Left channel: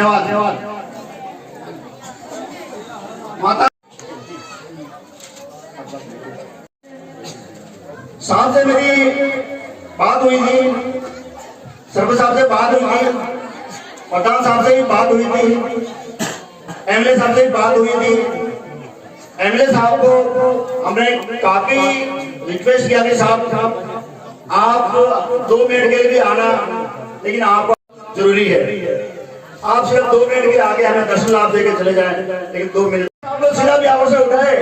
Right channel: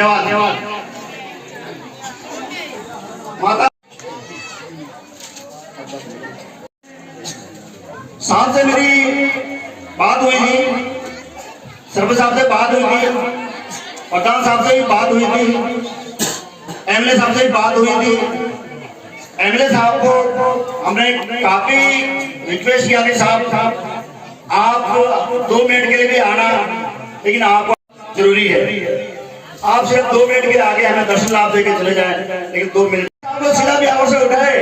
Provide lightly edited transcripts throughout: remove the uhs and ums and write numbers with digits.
धन्यवाद धन्यवाद। माता साहब से मेरी बात हुई थी, सर्व साहब से बात हुई थी, पठान साहब से भी बात हुई थी, एमएलए साहब से भी बात हुई थी। एमएलए साहब को हमने काफी रिक्वेस्ट किया कि साहब आप 2 मिनट के लिए भी आना, लेकिन आप जरूरी है, आप सिर्फ 2 मिनट के आगे हमें दर्शन लाभ देकर चले जाएं, लेकिन 2 मिनट आप लोग सीधा ब्याह से उठाए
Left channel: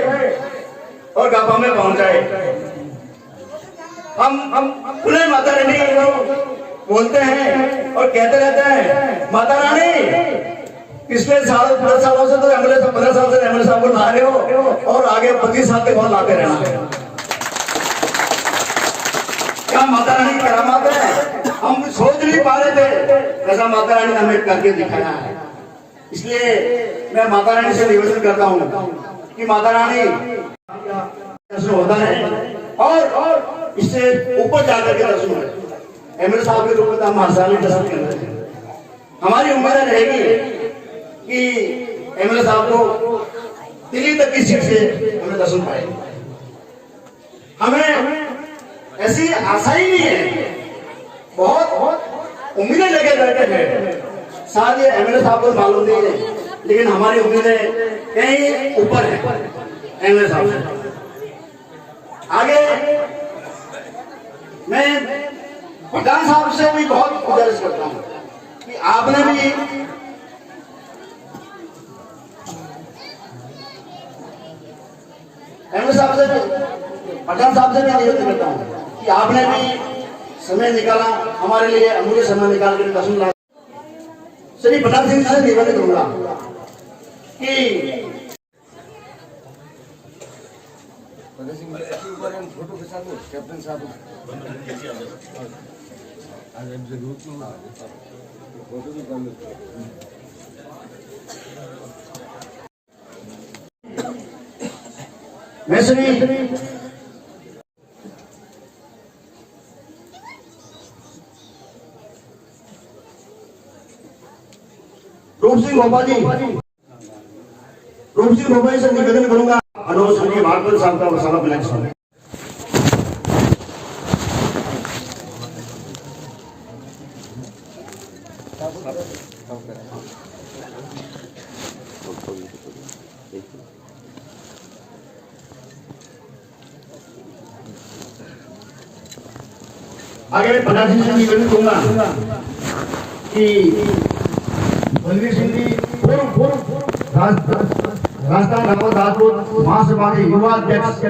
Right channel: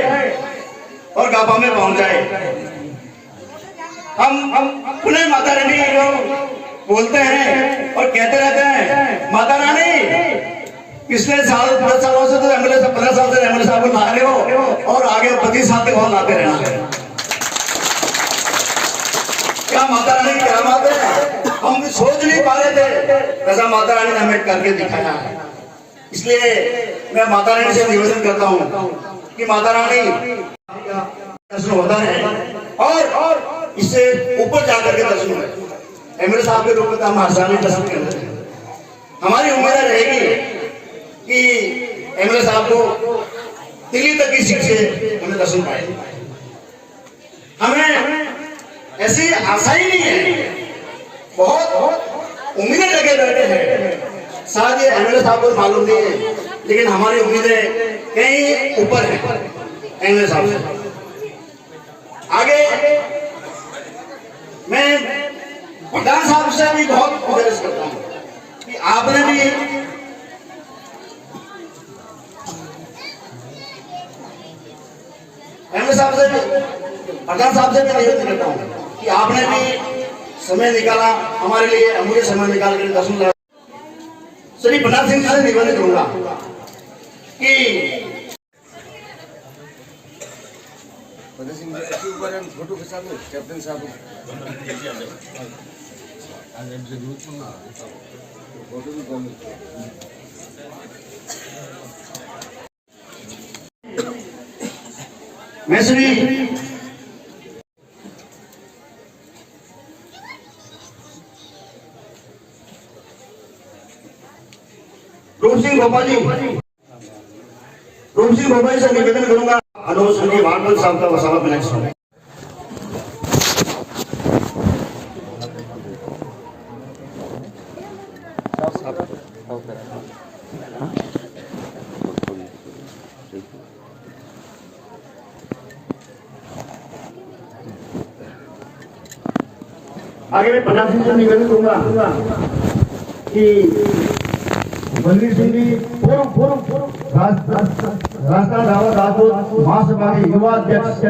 और गापा में पहुंच जाए। हम पुनः माता रानी बोलते हैं और कहते रहते हैं, माता रानी पिछले साल 10 सालों से तो एमएलए 15 साल से एमएलए साहब को ला रहे हो और आगे 25 साल तक वहां लाते रहना है। क्या माता रानी की करामात है, हम सोच नहीं पा रहे थे, ऐसा माता रानी ने हमें करके दिखाया है। इसलिए मैं माता रानी से निवेदन करता हूँ कि माता रानी दर्शन होता है और इससे ऊपर जाकर के दर्शन है। एमएलए साहब के रूप में हम हर साल दर्शन करते हैं। हमारी उम्मीद रहेगी कि एमएलए साहब को दिल्ली तक की सीट से हमें दर्शन पाए। हमें ऐसी आशा ही नहीं है, बहुत उम्मीदें लगे बैठे हैं। शायद ये एमएलए साहब को मालूम नहीं है, लेकिन हमारी उम्मीदें कहीं ऊपर है एमएलए साहब से। आगे मैं प्रधान साहब से भी बहुत गुजारिश करता हूँ कि आपने भी एमएलए साहब से भी, प्रधान साहब से भी निवेदन करता हूँ कि आपने भी समय निकाला हमारे लिए, अमूल्य समय निकाल कर दर्शन लाया। श्री प्रताप सिंह से निवेदन करूंगा कि फोटो खिंचा लो कैप्टन साहब। मैं श्री रूप सिंह भोपाल जी से निवेदन करूंगा, अनुरोध संजय भागवत साहब का वसावत नेक्स्ट है। आगे मैं प्रधान सिंह से निवेदन करूंगा कि बलवीर सिंह जी राजस्थान रावत राजपूत महासभा के युवा अध्यक्ष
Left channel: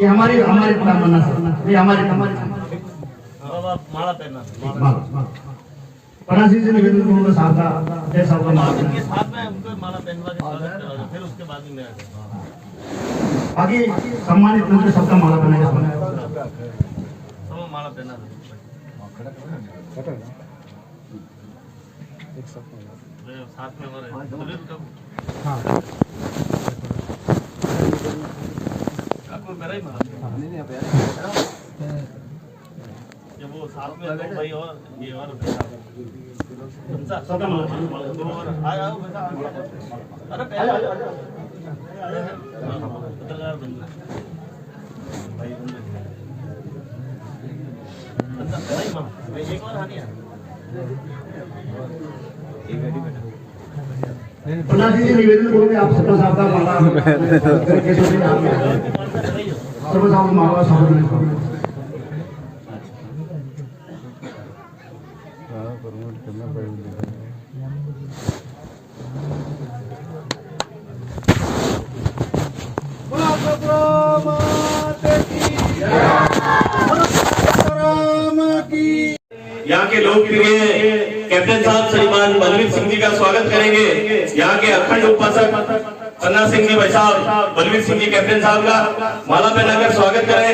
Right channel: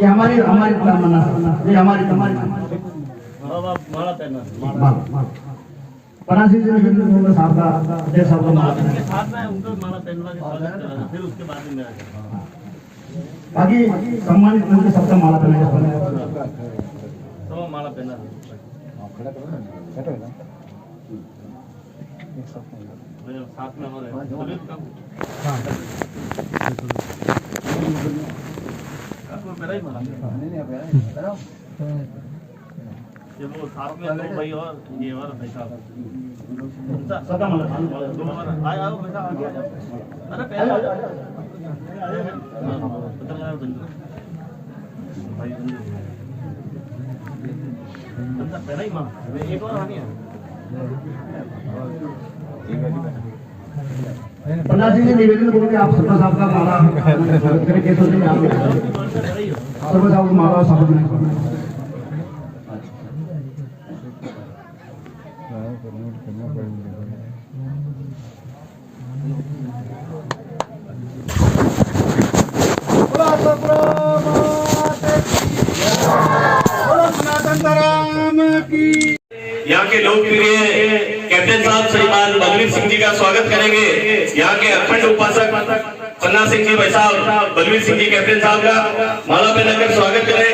ये हमारी तमन्ना है, ये हमारी प्रधान सिंह से निवेदन करूंगा साहब का अध्यक्ष साहब का साथ में उनको माला पहनवा के स्वागत करा, फिर उसके बाद में बाकी सम्मानित लोग के सबका माला पहनाएगा, सब माला पहना खड़ा करना एक साथ में हमारे हां आपको मेरा ही माला नहीं ये वो साथ में लोग भाई और ये और सबका माला दो और आओ बेटा अरे पहले एक और आनी है प्रधान जी निवेदन करोगे आप सपना साहब का माला करके सपना साहब माला साहब प्रमोट करना पड़ेगा। यहाँ के लोकप्रिय कैप्टन साहब श्रीमान बलवीर सिंह जी का स्वागत करेंगे। यहाँ के अखंड उपासक पन्ना सिंह जी भाई साहब बलवीर सिंह जी कैप्टन साहब का माला पहनाकर स्वागत करें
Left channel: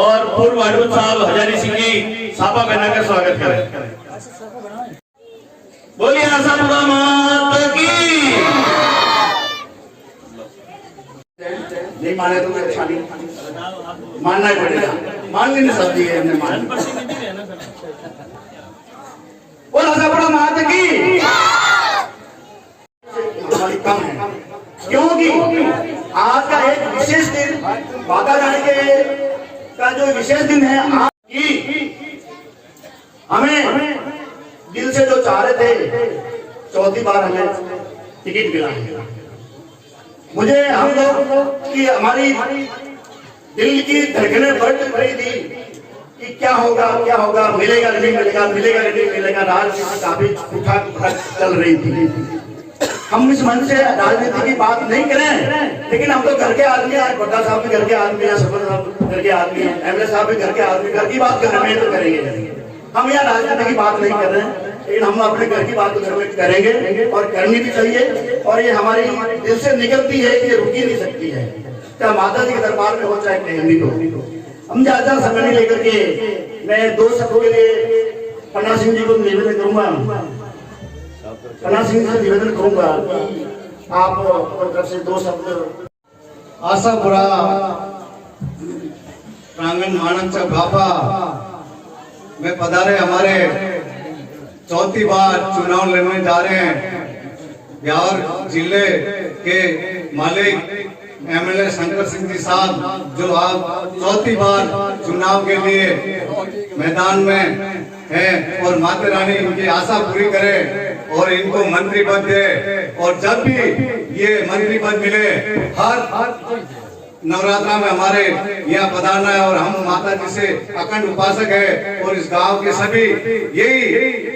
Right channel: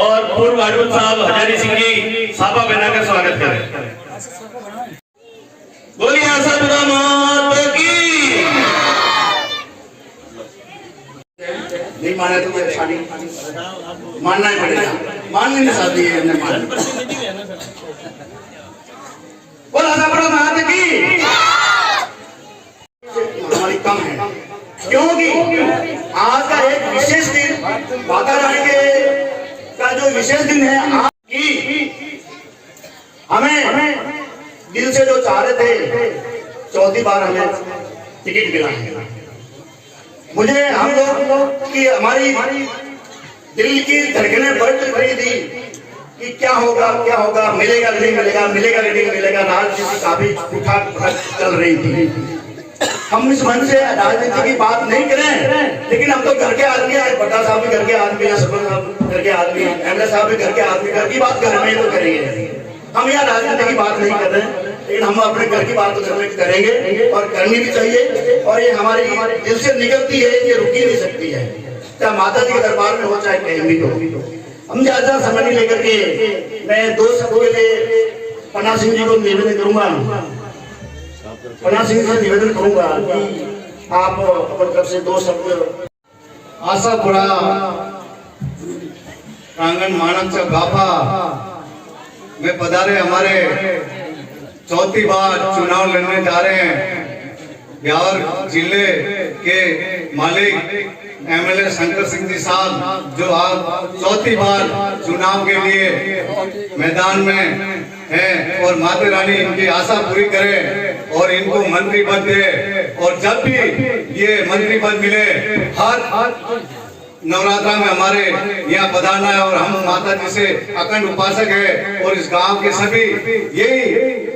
और पूर्व वार्डून साहब हजारी सिंह जी साफा पहनाकर स्वागत करें। बोलिए आशापुरा माता की। नहीं माने तो शादी मानना पड़ेगा। मान नहीं सकती है हमने मान बोल आशापुरा माता की हमारी कम है क्योंकि आज का एक विशेष दिन माता रानी के का जो विशेष दिन है आज की हमें दिल से जो चाह रहे थे चौथी बार हमें टिकट मिला है। मुझे हम लोग की हमारी दिल की धड़कनें बढ़ रही थी कि क्या होगा मिलेगा नहीं मिलेगा मिलेगा नहीं मिलेगा। राजनीति काफी उठा चल रही थी। हम इस मन से राजनीति की बात नहीं करें लेकिन हम तो घर के आदमी है। बट्टा साहब भी घर के आदमी है, सरपंच साहब घर के आदमी है, एमएलए साहब भी घर के आदमी। घर की बात घर में तो करेंगे। हम यहाँ राजनीति की बात नहीं कर रहे हैं लेकिन हम अपने घर की बात तो घर में करेंगे और करनी भी चाहिए। और ये हमारी दिल से निकलती है, ये रुक ही नहीं सकती है। चाहे माता जी के दरबार में हो चाहे कहीं भी हो। हम ज्यादा समय नहीं लेकर के मैं 2 शब्दों के लिए पन्ना सिंह जी को निवेदन करूंगा। पन्ना सिंह जी से निवेदन करूंगा कि आप अपनी तरफ से 2 शब्द आशापुरा प्रांगण माणकचा गाफा में पधारे हमारे चौथी बार चुनाव लड़ने जा रहे हैं ब्यावर जिले के मालिक एमएलए शंकर सिंह जी साहब जो आज चौथी बार चुनाव के लिए मैदान में हैं और माता रानी इनकी आशा पूरी करे और इनको मंत्री पद दे। और जब भी ये मंत्री पद मिले हर नवरात्रा में हमारे यहाँ पधारना है और हम माता जी से अखंड उपासक है और इस गांव के सभी यही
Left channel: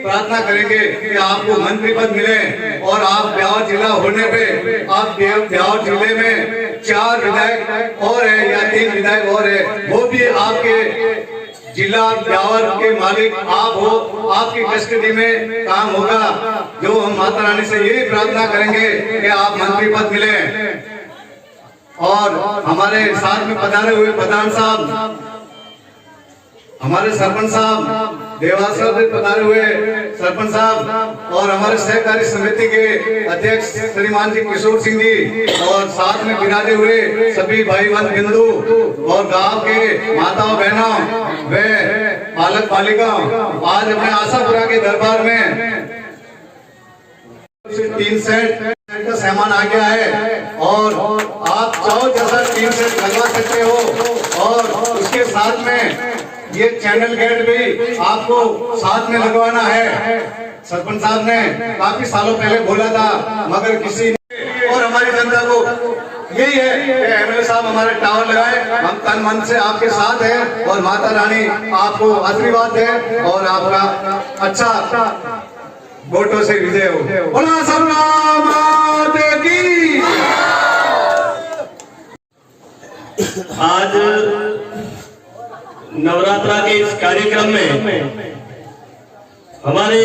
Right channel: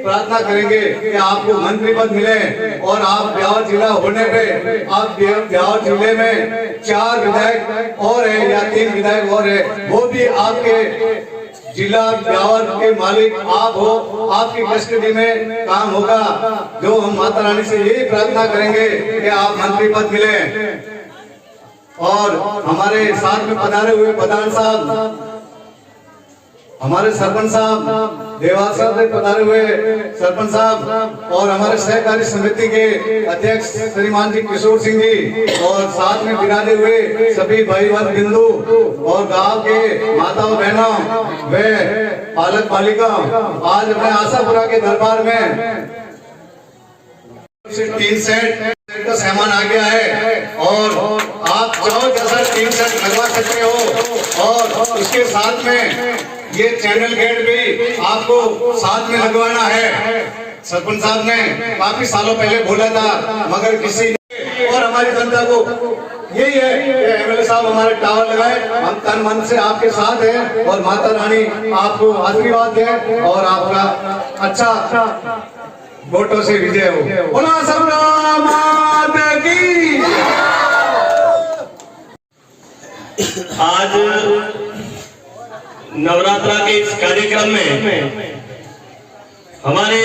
प्रार्थना करेंगे कि आपको मंत्री पद मिले। और आप ब्यावर जिला होने पे आप ब्यावर जिले में 4 विधायक और है या 3 विधायक और है, वो भी आपके जिला ब्यावर के मालिक आप हो, आपकी कस्टडी में काम होगा। जो हम माता रानी से यही प्रार्थना करेंगे कि आप मंत्री पद मिले। और हमारे साथ में पधारे हुए प्रधान साहब, हमारे सरपंच साहब देवास साहब से पधारे हुए सरपंच साहब और हमारे सहकारी समिति के अध्यक्ष श्रीमान जी किशोर सिंह जी और साथ में विराजे हुए सभी भाई बंद बिंदु और गांव के माताओं बहनों व पालक पालिका आज अपने आशापुरा के दरबार में 3 सेट का सामान आ गया है और आप चाहो जैसा 3 सेट लगवा सकते हो। और उसके साथ में ये चैनल गेट भी आपको साथ में लगवाना है। सरपंच साहब ने काफी सालों पहले बोला था मगर किसी ने और हमारी जनता को यही है कि एमएलए साहब हमारे टावर लगाए। हम तन मन से आपके साथ हैं और माता रानी आपको आशीर्वाद दे और आपका अच्छा वोटों से विजय हो। बोला सबका माता की। आज नवरात्रा के इस कार्यक्रम में हमारे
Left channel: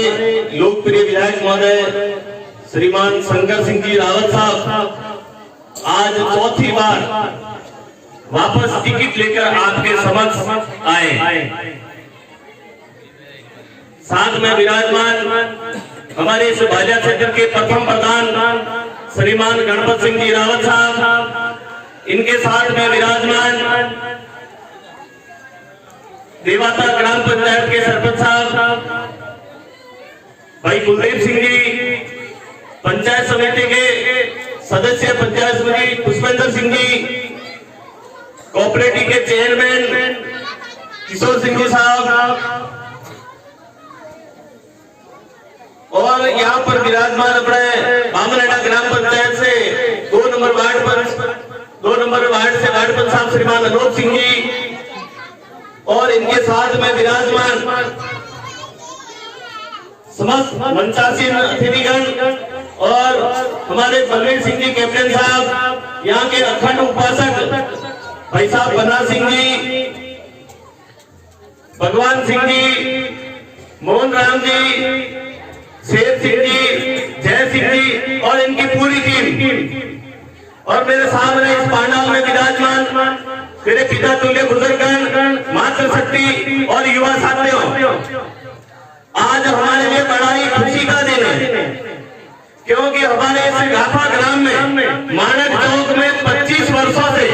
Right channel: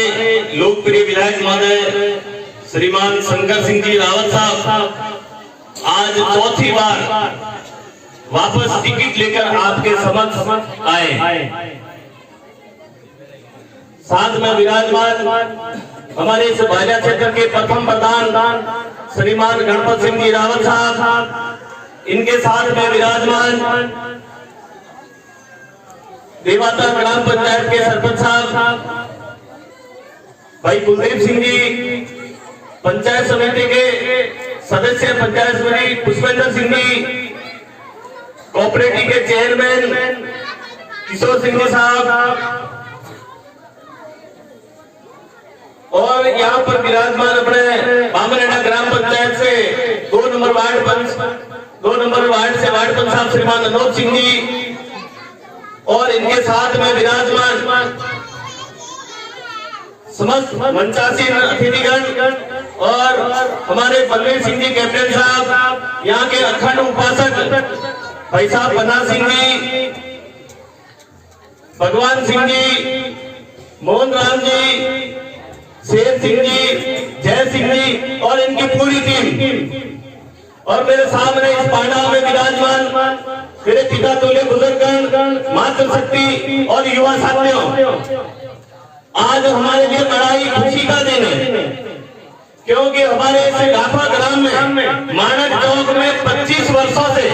लोकप्रिय विधायक महोदय श्रीमान शंकर सिंह जी रावत साहब आज चौथी बार वापस टिकट लेकर आपके समक्ष आए। साथ में विराजमान हमारे इस भाजपा क्षेत्र के प्रथम प्रधान श्रीमान गणपत सिंह जी रावत साहब, इनके साथ में विराजमान देवाता ग्राम पंचायत के सरपंच साहब भाई कुलदीप सिंह जी, पंचायत समिति के सदस्य पंचायत समिति पुष्पेंद्र सिंह जी, कोऑपरेटिव के चेयरमैन किशोर सिंह जी साहब और यहाँ पर विराजमान अपने बामरेडा ग्राम पंचायत से 2 नंबर वार्ड से वार्ड पंच साहब श्रीमान अनोज सिंह जी और इनके साथ में विराजमान समस्त मंचासीन अतिथिगण और हमारे बलवीर सिंह जी कैप्टन साहब, यहाँ के अखंड उपासक भाई साहब बना सिंह जी, भगवान सिंह जी, मोहन राम जी, शेर सिंह जी, जय सिंह जी और इनकी पूरी टीम और मेरे सामने इस पांडाल में विराजमान मेरे पिता तुल्य बुजुर्गगण, मातृशक्ति और युवा साथियों, आज हमारे लिए बड़ा ही खुशी का दिन है क्योंकि हमारे इस गाफा ग्राम में मानक चौक में 25 वर्षों से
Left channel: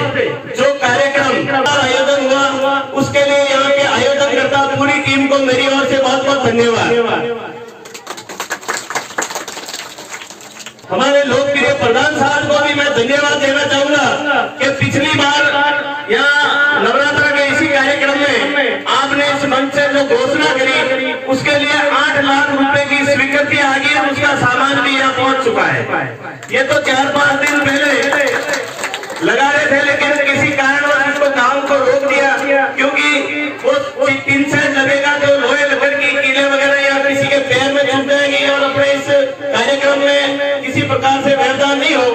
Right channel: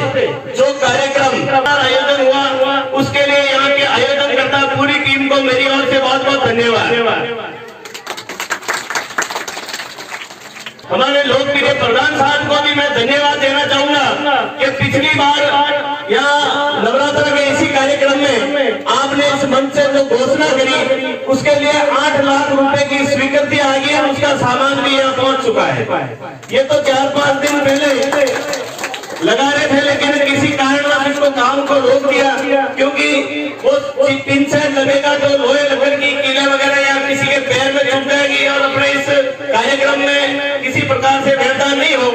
जो कार्यक्रम आयोजन हुआ उसके लिए प्रधान साहब को भी मैं धन्यवाद देना चाहूंगा कि पिछली बार यहाँ नवरात्र के इसी कार्यक्रम में आपने इस मंच से जो घोषणा करी उसके लिए 8 लाख रुपए की स्वीकृति आ गई है, उसका सामान भी यहाँ पहुंच चुका है। ये तो 4-5 दिन पहले लगा रहे थे, लेकिन किसी कारणवश इसको काम को रोक दिया, क्योंकि वो टिन सेट लगेगा जो लोहे लकड़ की कीले वगैरह या किसी के पैर में छूट जाएगी और अपने इस कार्यक्रम में किसी प्रकार से व्यवधान नहीं हो,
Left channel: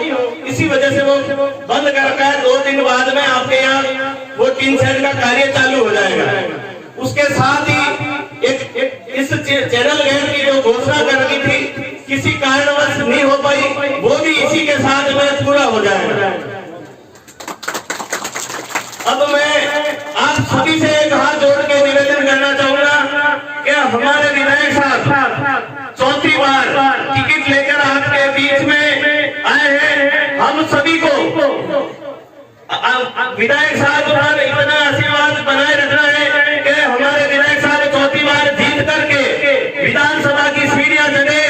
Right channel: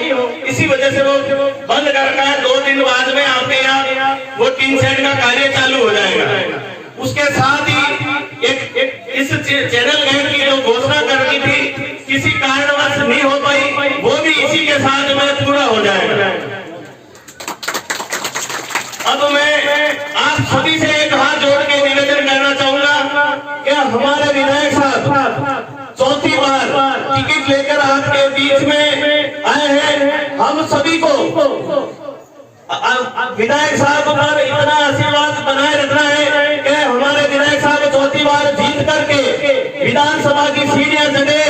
इसी वजह से वो बंद कर रखा है। 2 दिन बाद में आपके यहाँ वो टिन सेट का कार्य चालू हो जाएगा। उसके साथ ही एक इस चैनल गेट की जो घोषणा कर रही थी किसी कारणवश नहीं हो पाई, वो भी इसी के साथ में पूरा हो जाएगा। अब मैं आप सभी से एक हाथ जोड़ के निवेदन करना चाहूंगा कि हमारे विधायक साहब 4थी बार टिकट लेकर आपके बीच में आए हैं। हम सभी को विधायक साहब पर इतना आशीर्वाद बनाए रखना है कि हमारे विधायक साहब 4थी बार जीत करके विधानसभा की सीढ़ियां चढ़े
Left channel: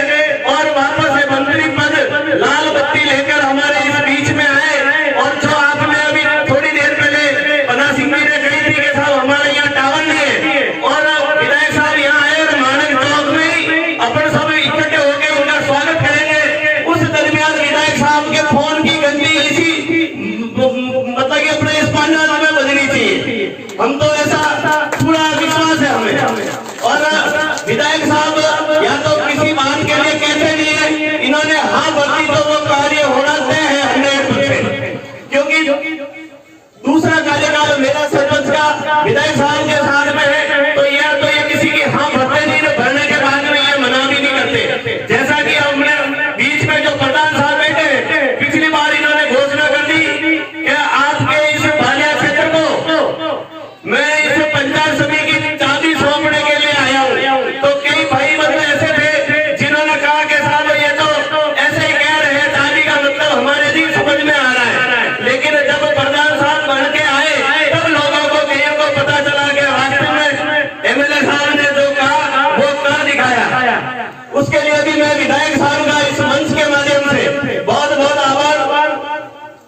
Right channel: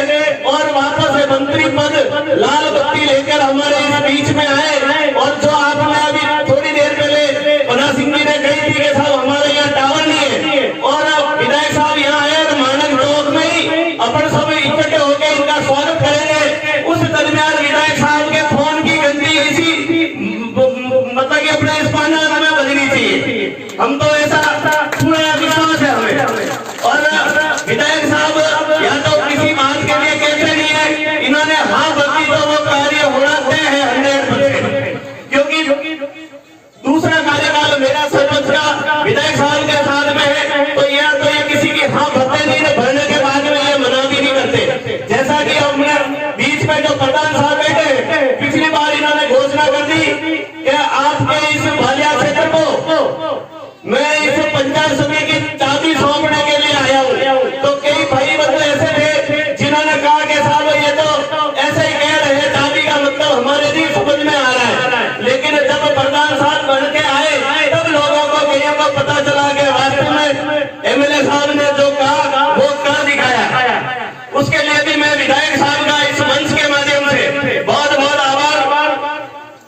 और वापस से मंत्री पद लाल बत्ती लेकर हमारे इस बीच में आए। और जो आपने अभी थोड़ी देर पहले पन्ना सिंह जी ने कही थी कि साहब हमारे यहाँ टावर नहीं है और विधायक साहब यहाँ आए और मानक चौक में ही अपन सब इकट्ठे होकर इनका स्वागत करेंगे। उस दरमियान विधायक साहब के फोन की गंदी ऐसी मतलब कि अपने इस पाना में बदलनी चाहिए, हम तो ऐसा पूरा विश्वास है हमें। और विधायक साहब या तो किसी बात के लिए कहते नहीं है, इन्होंने हाँ भरती तो वो कार्य होना तय है 100%, क्योंकि दूसरा कार्यकाल मेरा सरपंच का विधायक साहब के साथ में है, तो ये किसी की हाँ भरते नहीं, भरने के बाद में ये मना भी नहीं करते। जैसा कि हमने बीच में जो प्रधान साहब बैठे, पिछली बार इन्होंने घोषणा कर दी कि आपके इस भालिया क्षेत्र को मैं इस पंचायत समिति की चाबी सौंपने के लिए आया हूँ। तो कई भाई बंधु ऐसे थे जिन्होंने कहा कि साहब ये तो ऐसे ही कह रहे हैं, चाबी का मतलब हमारे नहीं समझ में आ रहा है। लेकिन जब प्रधान साहब बन के आए तब लोगों को कईयों को पता चला कि वास्तव में एमएलए साहब ने जो कहा वो कर दिखाया। उसके लिए भी मैं विधायक साहब का इस मंच के माध्यम से बहुत बहुत आभार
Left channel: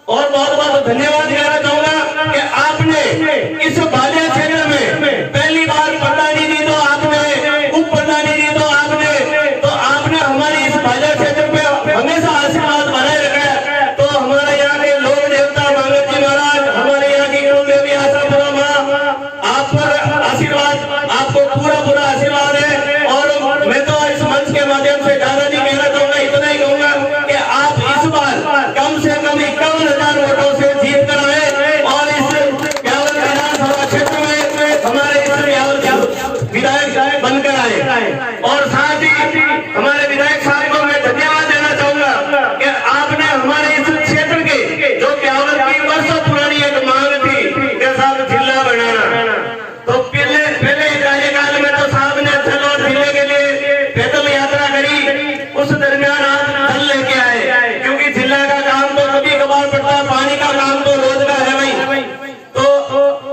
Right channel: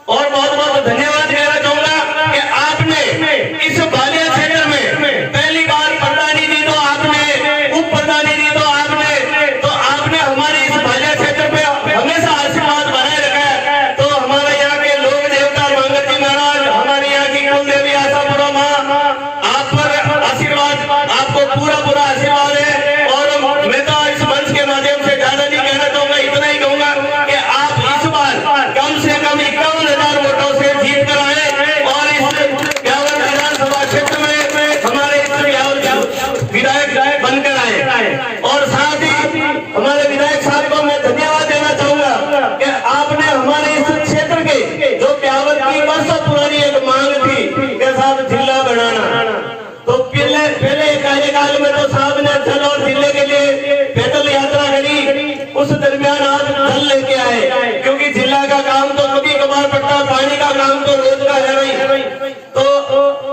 और बहुत बहुत धन्यवाद कहना चाहूंगा कि आपने इस बालिया क्षेत्र में पहली बार प्रधानी दी तो आपने, उप प्रधानी दी तो आपने हमारे इस बालिया क्षेत्र पे हमेशा आशीर्वाद बनाए रखा है। तो हमारे यहाँ के लोक देवता भगत जी महाराज, हमारे यहाँ की कुल देवी आशापुरा माँ, आप पर आशीर्वाद, आपको पूरा आशीर्वाद है। और मैं तो इस मंच के माध्यम से ज्यादा नहीं कहना चाहूंगा, इतना ही कहूंगा कि आप इस बार कम से कम 51,000 वोटों से जीत कर आए और इस ब्यावर विधानसभा क्षेत्र में हमारे विधायक बनकर आए। और साथ ही हमारे विधायक साहब को मैं धन्यवाद देना चाहूंगा कि आपने हमारे इस क्षेत्र के जो ब्यावर की वर्षों पुरानी एक मांग थी कि साहब जिला बनाना, तो पहले कार्यकाल में तो साहब ने चलो जिले के लिए पैदल यात्रा करी, उस दरमियान आप जल लेके आए, क्योंकि जिला का काम तो कभी कभार पड़ता, पानी का काम तो रोज का है भाई। तो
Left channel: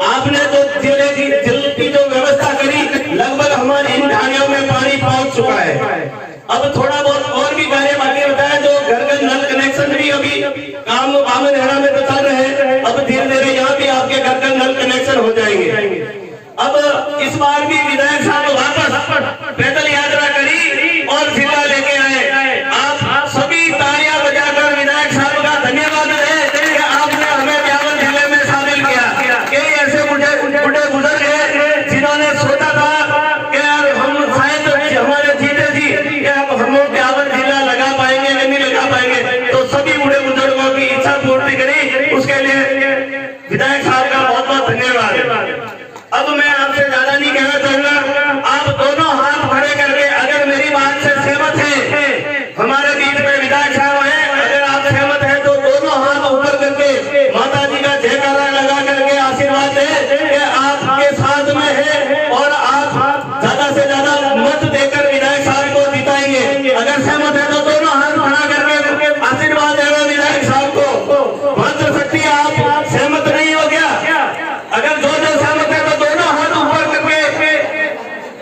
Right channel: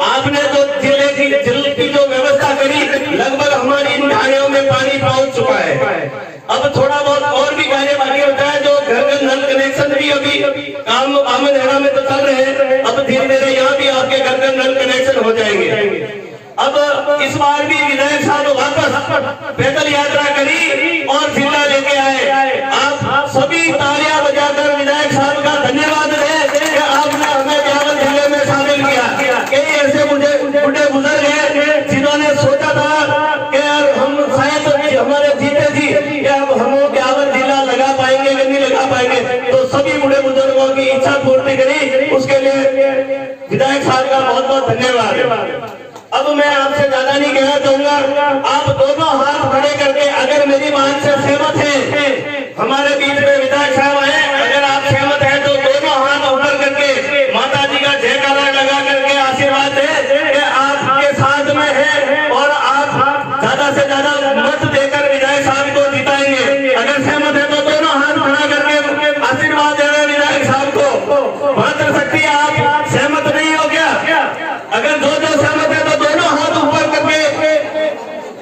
आपने तो जिले की जल की जो व्यवस्था करी, लगभग हमारी इन ढाणियों में पानी पहुंच चुका है। अब थोड़ा बहुत और भी कार्य बाकी होता है, जो घर नल कनेक्शन भी अभी काम बामनहेड़ा में तो चल रहे हैं, अब धीरे धीरे यहाँ भी आपके घर नल कनेक्शन हो जाएंगे। अब इस बार भी विधायक साहब वापस पैदल यात्रा करी और जिला लेके आए। आप सभी तालियां बजाकर विधायक साहब का धन्यवाद दें कि आपने हमें ब्यावर जिले में शामिल किया। कई ऐसे बुढ़े गुजर गए जिन्होंने सोचा था कि हम शायद हमारे जीते जी कि अब हम ब्यावर जिला लगा पाएंगे कि नहीं लगा पाएंगे, तो सभी बुढ़े बुजुर्गों की इच्छा पूर्ति करी, उसके लिए विधायक साहब का बहुत बहुत धन्यवाद। अब मैं आपसे ज्यादा नहीं कहना चाहूंगा, आप दोनों हाथ खड़े करके अगर मेरी बात से सहमत हैं, हमारे बीच में विधायक साहब हैं, अगर आप सहमत हैं तो दोनों हाथ ऊपर करके माता जी का जयकारा लगा करके आशीर्वाद दें कि आपके साथ में है और आप ज्यादा से ज्यादा मत देकर विधायक साहब को जिताएंगे। अगर सहमत है तो दोनों हाथ खड़ा करके आशीर्वाद देना विधायक साहब को। मातृशक्ति आप सहमत नहीं हो क्या? अगर जो सहमत है तो दोनों हाथ ऊपर करके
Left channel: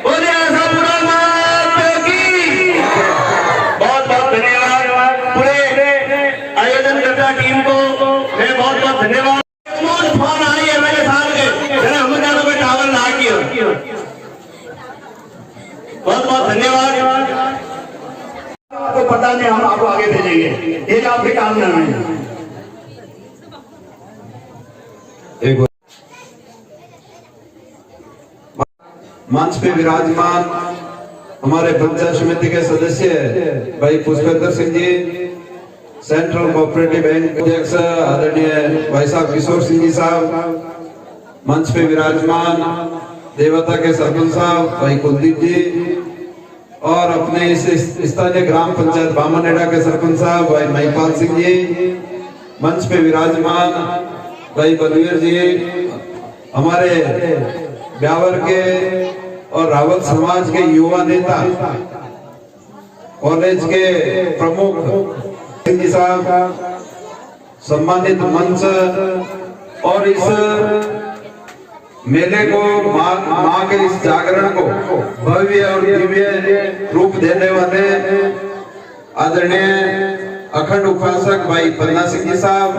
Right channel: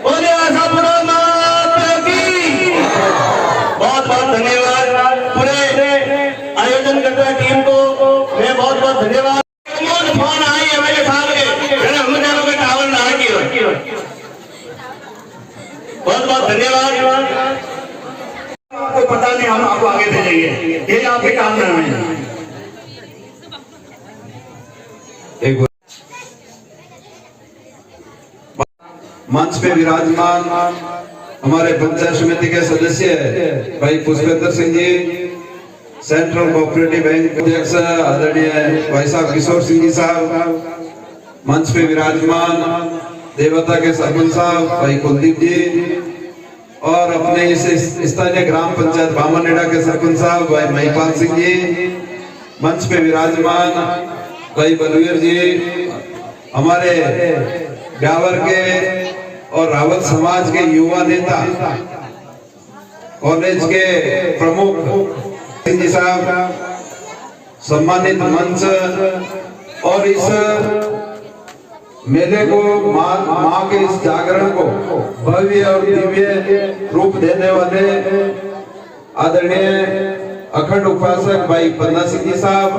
बोले आशापुरा माता की। फोन आई एमएलए साहब के मैंने हम जानो के टावर ना किया। बहुत बहुत धन्यवाद। आपको पता नहीं, हम आपको आगे भेजेंगे, ये आपके काम में है। मंच पे विराजमान हमारे पंचायत समिति के सदस्य भाई Pushpendra Singh ji, central cooperative bank अध्यक्ष आदरणीय भाई साहब किशोर सिंह जी साहब, मंच पे विराजमान देवता के सरपंच साहब भाई कुलदीप जी, और अपने इस स्थानीय ग्राम पंचायत बामनेड़ा के सरपंच साहब भाई महिपाल सिंह जी, मंच पे विराजमान भाई बलवीर जी, हमारे ब्यावर के और रावत समाज के युवा नेता, कॉलेज के प्रमुख सिंह जी साहब, सम्मानित मंच, और इस मेले को माँ के इस जागरण को भव्य और दिव्य रूप देने वाले आदरणीय अखंड उपासक भाई पन्ना सिंह जी साहब,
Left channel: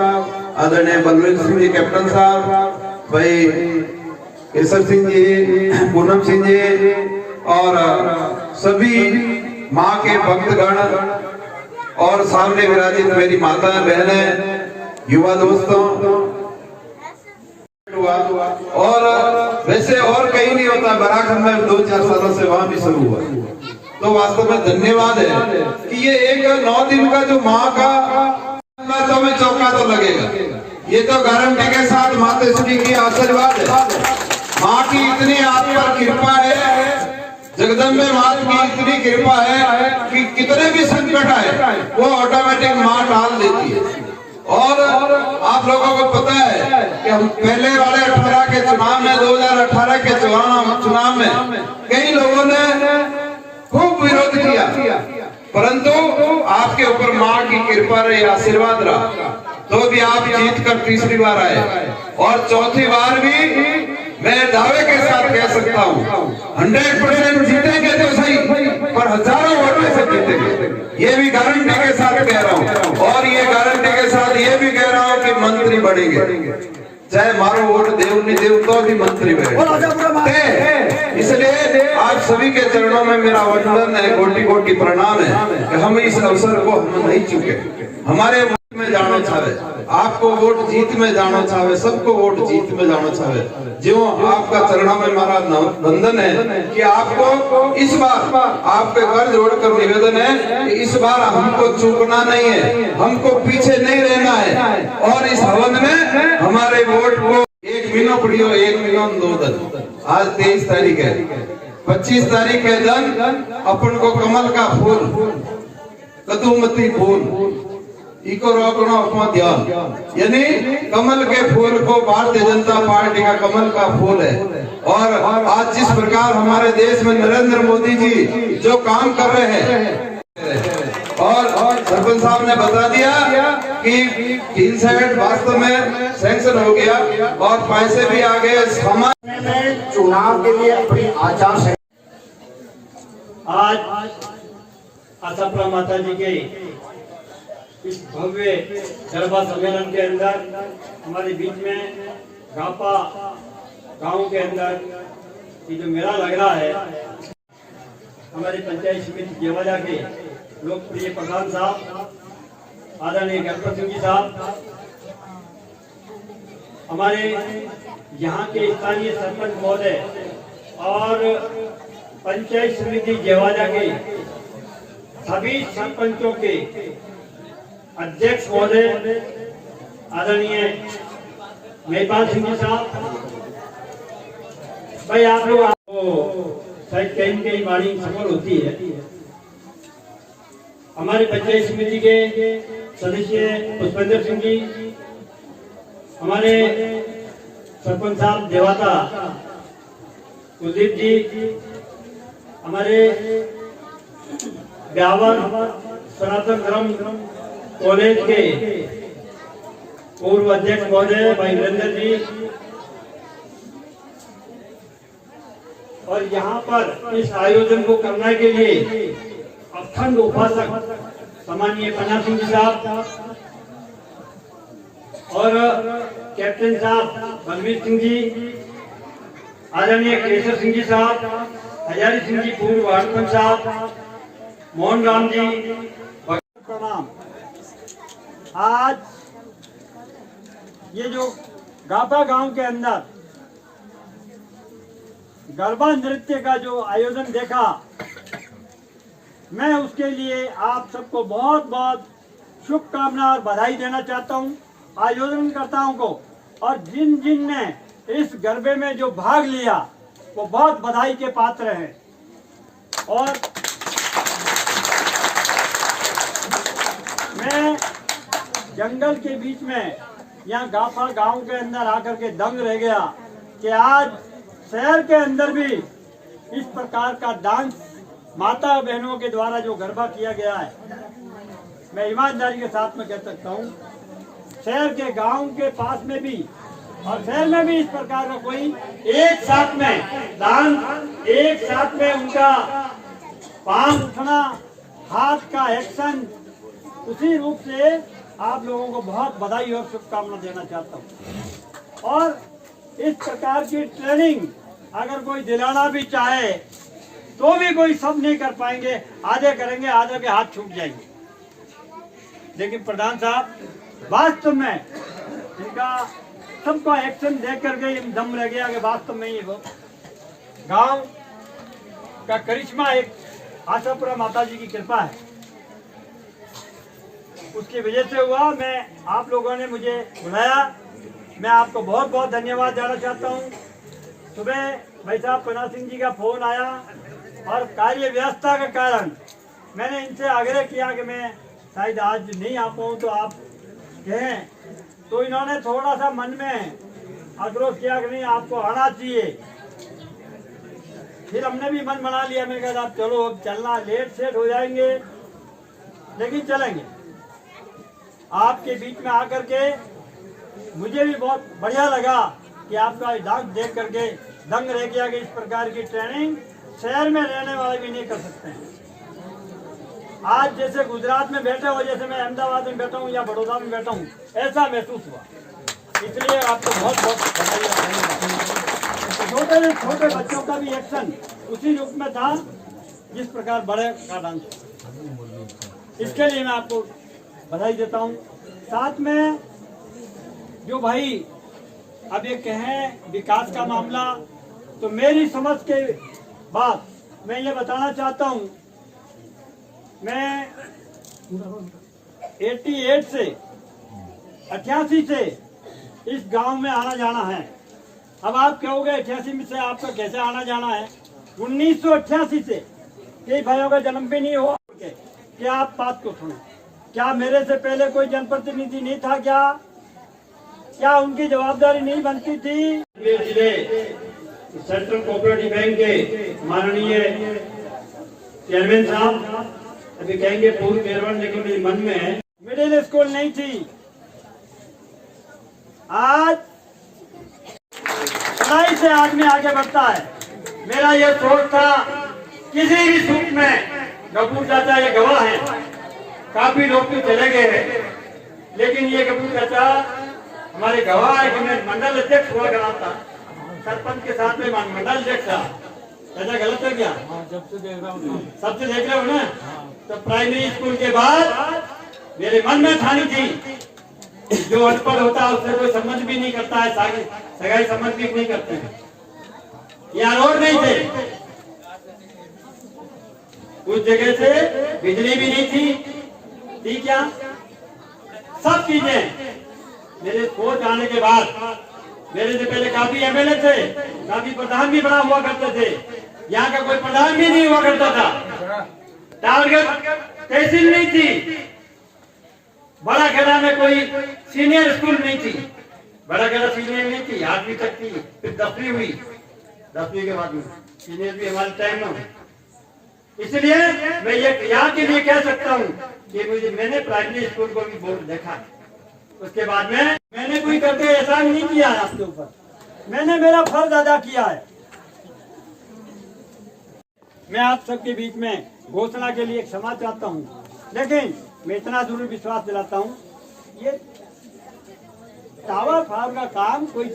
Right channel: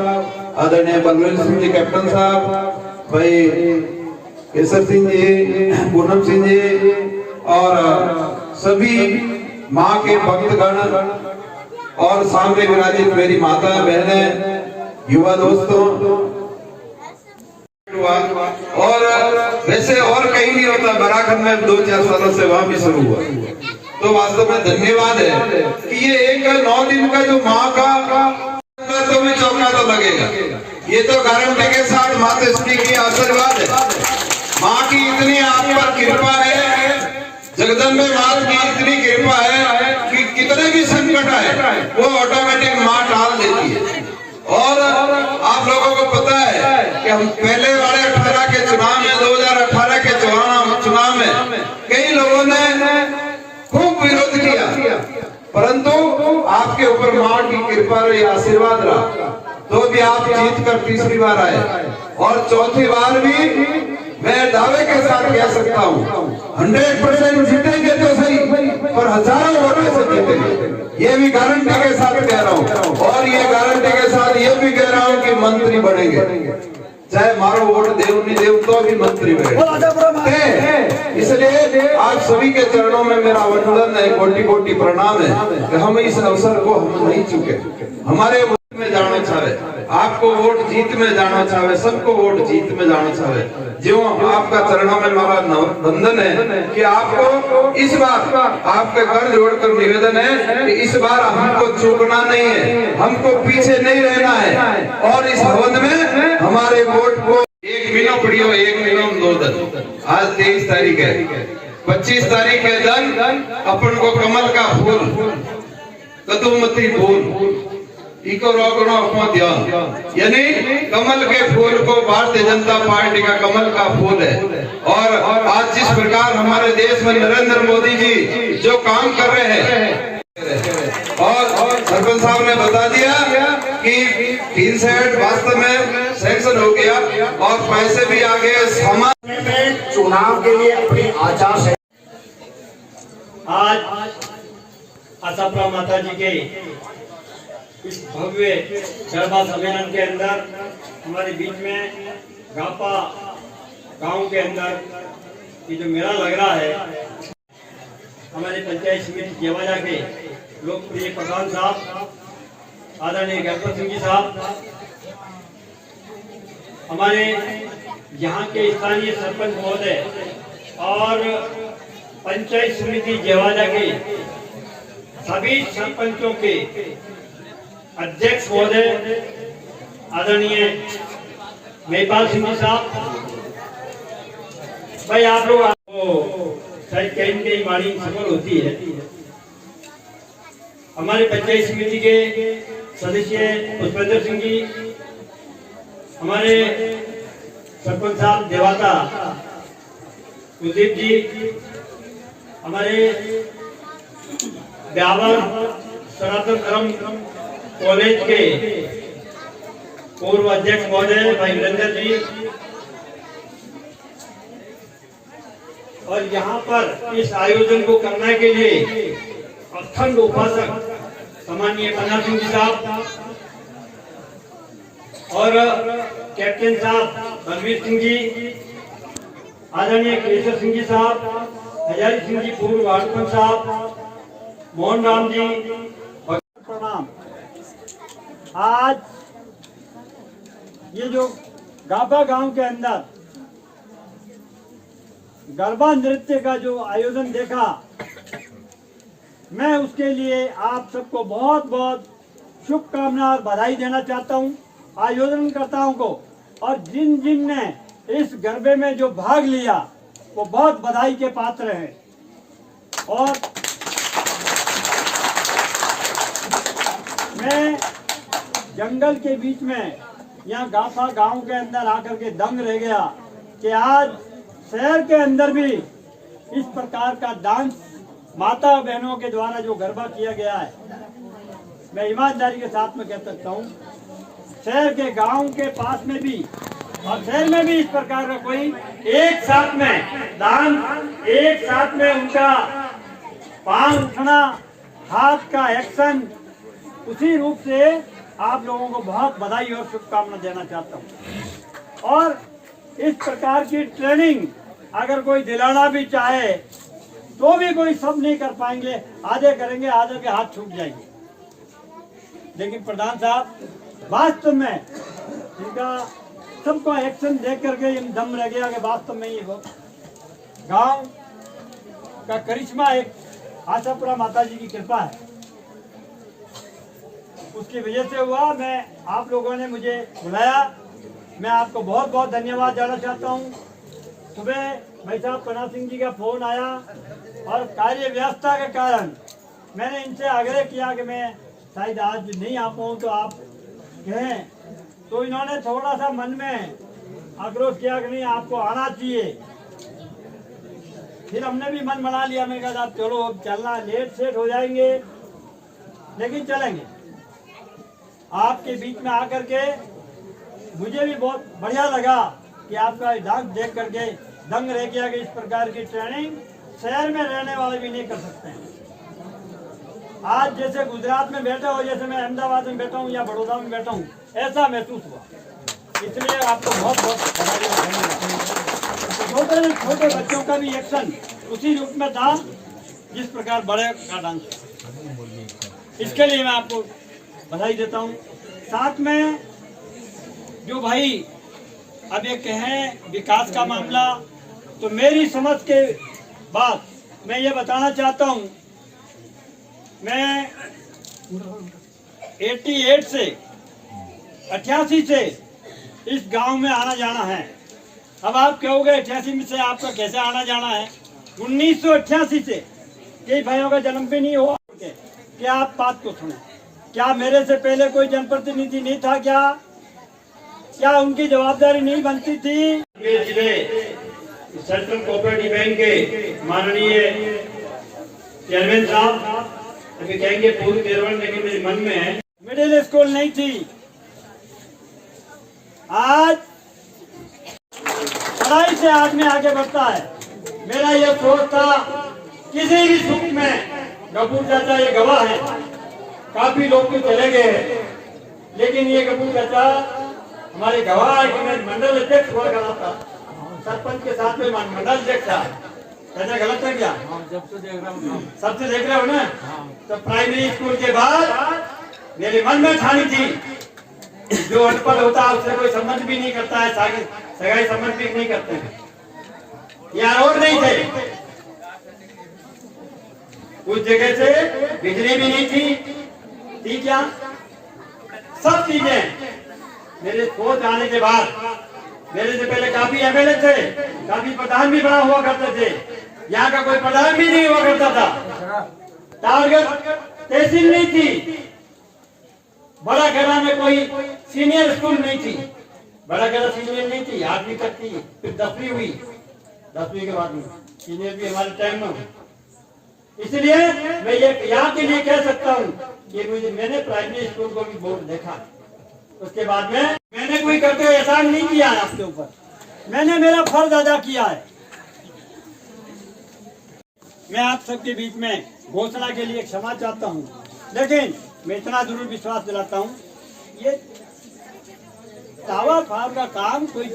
आदरणीय बलवीर सिंह जी कैप्टन साहब, भाई केसर सिंह जी, पूनम सिंह जी, और सभी माँ के भक्तगण और सामने विराजित मेरी माता बहनें, युवा दोस्तों, और वैसे और कहीं नहीं होता, बराखंड में 2-4 सालों से वहां भी शुरू हुआ। तो वास्तव में धन्यवाद है कि ये एक 9 दिन का जो माँ का तो में चौका तो लगेगा, ये तो गारंटी के साथ माता श्री की आशीर्वाद है। माँ की इतनी आप पर कृपा है, जगदम्बे माँ की इतनी कृपा है कि कितने भी संकट आए वो ऑटोमेटिक माँ टाल देती है। और आप लोगों को पता है कि हम पहले वाले 18 के चुनाव में, 2018 के चुनाव में कई लोगों ने खूब विरोध किया, परंतु आपके ऊपर माँ की कृपा रही, आशीर्वाद रहा, तो भी आप जीत कर तीसरी बार आए, और चौथी बार भी मैं दावे के साथ कह सकता हूँ 100% जीतेंगे तो सही, पर हजारों वोटों से जीतेंगे, ये भी गारंटी के साथ कह रहा हूँ। और ये गारंटी के साथ ये भी कह रहा हूँ कि मंत्री बनेंगे, चाहे मारो वोट देव नहीं देव तो भी मंत्री बने। इसलिए आप सभी के चरणों में मेरा वंदन है, कोटि कोटि प्रणाम है कि हम इस अवसर को हम नहीं चुके। हमारे में जाना चाहे, आपको वोट जीत में जाना चाहे, सबको वोट जीत में जाना चाहे, जो आपका चरणों में हमारा वंदन है कि आपको इस बार आपके घर जोड़कर निवेदन है कि इस बार हमको चूकना नहीं है, हमको पीछे नहीं रहना है, और इस हवन में हमारे वोट को 1 महीना पड़ियो, 1 महीना 2 दिन, आज 23 तारीख है, 25 तारीख के दिन अपन को कमल का फूल, कदूमती फूल इको रोकना अपना ध्यान, यानी कमल के फूल को भारतीय जनता पार्टी का कमल का फूल है। और आज जिस प्रकार हमारे देश में नरेंद्र मोदी जी जो काम कर रहे हैं, और सरपंच साहब ने बता दिया कि 3 साइड वास्तव में सैंक्शन हो गया और पैसे भी आ गए। समाज में चुनाव के लिए अपनी आचार आज आशापुरा माता जी के इस भव्य गरबा सम्मेलन के अंदर हमारे बीच में गापा गांव के अंदर ये जो मेला लग रहा है, हमारे पंचायत समिति जेवाजा के लोकप्रिय प्रधान साहब आदरणीय गणपत सिंह जी साहब, हमारे यहाँ के स्थानीय सरपंच महोदय और पंचायत समिति जेवाजा के सभी सरपंचों के अध्यक्ष महोदय आदरणीय महिपाल सिंह जी साहब, भाई आप लोग शायद कहीं कहीं हमारी सफल होती है। हमारे पंचायत समिति के सदस्य पुष्पेंद्र सिंह जी, हमारे सरपंच साहब देवाता कुलदीप जी, हमारे ब्यावर सनातन धर्म कॉलेज के पूर्व अध्यक्ष महोदय भाई वीरेंद्र जी, और यहाँ पर इस आयोजन को करने के लिए अखंड उपासक सम्मानीय पन्ना सिंह जी साहब और कैप्टन साहब बलवीर सिंह जी, आदरणीय केशव सिंह जी साहब, हजारी सिंह जी पूर्व वार्ड पंच साहब, मोहन राम जी, प्रणाम। आज ये जो गापा गांव के अंदर गरबा नृत्य का जो आयोजन देखा, मैं उसके लिए आप सबको बहुत बहुत शुभकामना और बधाई देना चाहता हूं, आयोजनकर्ताओं को, और जिन जिन ने इस गरबे में जो भाग लिया वो बहुत बधाई के पात्र हैं। और मैं जंगल के बीच में यहाँ गाफा गांव के अंदर आकर के दंग रह गया कि आज शहर के अंदर भी इस प्रकार का डांस माता बहनों के द्वारा जो गरबा किया गया है, मैं ईमानदारी के साथ में कह सकता हूँ शहर के गांव के पास में भी और शहर में भी इस प्रकार का कोई एक साथ में डांस, एक साथ में उनका पांव उठना, हाथ का एक्शन, उसी रूप से आप लोगों को बहुत बधाई और शुभकामना देना चाहता हूँ। और इस प्रकार की ट्रेनिंग अगर कोई दिलाना भी चाहे तो भी कोई सब नहीं कर पाएंगे, आधे करेंगे, आधे के हाथ छूट जाएंगे। लेकिन प्रधान साहब वास्तव में इनका सबका एक्शन देख करके दम रह गया कि वास्तव में ये वो गांव का करिश्मा एक आशापुरा माता जी की कृपा है, उसकी वजह से हुआ। मैं आप लोगों ने मुझे बुलाया, मैं आपको बहुत बहुत धन्यवाद देना चाहता हूँ। सुबह भाई साहब पन्ना सिंह जी का फोन आया और कार्य व्यवस्था के कारण मैंने इनसे आग्रह किया कि मैं शायद आज नहीं आ पाऊँ तो आप कहें, तो इन्होंने थोड़ा सा मन में आक्रोश किया कि नहीं आपको आना चाहिए। फिर हमने भी मन बना लिया, मैंने कहा आप चलो अब चलना, लेट सेट हो जाएंगे लेकिन चलेंगे। आपके बीच में आकर के मुझे भी बहुत बढ़िया लगा कि आपका डांस देख करके दंग रह गया कि इस प्रकार की ट्रेनिंग शहर में रहने वाले भी नहीं कर सकते हैं। आज जैसे गुजरात में बैठे हो, जैसे मैं अहमदाबाद में बैठा हूँ या बड़ौदा में बैठा हूँ, ऐसा महसूस हुआ। इसलिए आपको बहुत बहुत बधाई और धन्यवाद। छोटे से छोटे बच्चों का भी एक्शन उसी रूप में था जिस प्रकार बड़े का डांस, इसके लिए मैं आपको बधाई देता हूँ। साथ में जो भाई अब ये कहें विकास का मामला, तो मेरी समझ के बाद मैं ये बताना चाहता हूँ, मैं 88 से 88 से इस गांव में आना जाना है। अब आप कहोगे 88 में से आपका कैसे आना जाना है? 1988 से कई भाइयों का जन्म भी नहीं हुआ। क्या आप बात को सुने, क्या मेरे से पहले कोई जनप्रतिनिधि नहीं था? क्या उनकी जवाबदारी नहीं बनती थी? सेंट्रल कोऑपरेटिव बैंक के माननीय चेयरमैन साहब अभी कहेंगे पूर्व केरल, लेकिन मेरे मन में है मिडिल स्कूल नहीं थी। आज पढ़ाई से आदमी आगे बढ़ता है। मेरा ये सोच था किसी भी सुख में, गप्पू चाचा ये गवाह है, काफी लोग तो चले गए हैं, लेकिन ये गप्पू चाचा हमारे गवाह है कि मैं मंडल अध्यक्ष हुआ करा था, सरपंच के साथ में मंडल अध्यक्ष था। चाचा गलत है क्या? सबसे देख रहे हो ना? तो प्राइमरी स्कूल के बाद मेरे मन में ठानी थी जो अनपढ़ होता है उससे कोई संबंध भी नहीं करता है, सगाई संबंध भी नहीं करते हैं। यहाँ रोड नहीं थे, उस जगह से बिजली भी नहीं थी क्या? सब चीजें मेरे सोच आने के बाद, मेरे से पहले काफी एमएलए थे, काफी प्रधान भी बना हुआ करते थे, यहाँ का कोई प्रधान भी नहीं हुआ करता था। टारगेट तहसील नहीं थी, बड़ा खेड़ा में कोई सीनियर स्कूल नहीं थी, बड़ा खेड़ा सीनियर नहीं थी, 8वीं तक थी, फिर 10वीं हुई, 10वीं के बाद में सीनियर भी हमारे टाइम में। इसलिए मैं ये यहाँ के लिए कह सकता हूँ कि मैंने प्राइमरी स्कूल को भी बोर्ड देखा, उसके बाद में मैंने कोई करके एहसान नहीं किया है आपके ऊपर, मैंने मेरा फर्ज अदा किया है। मैं आप सबके बीच में घोषणा के लिए क्षमा चाहता हूं, लेकिन मैं इतना जरूर विश्वास दिलाता हूं, ये टावर फार्म का काम कोई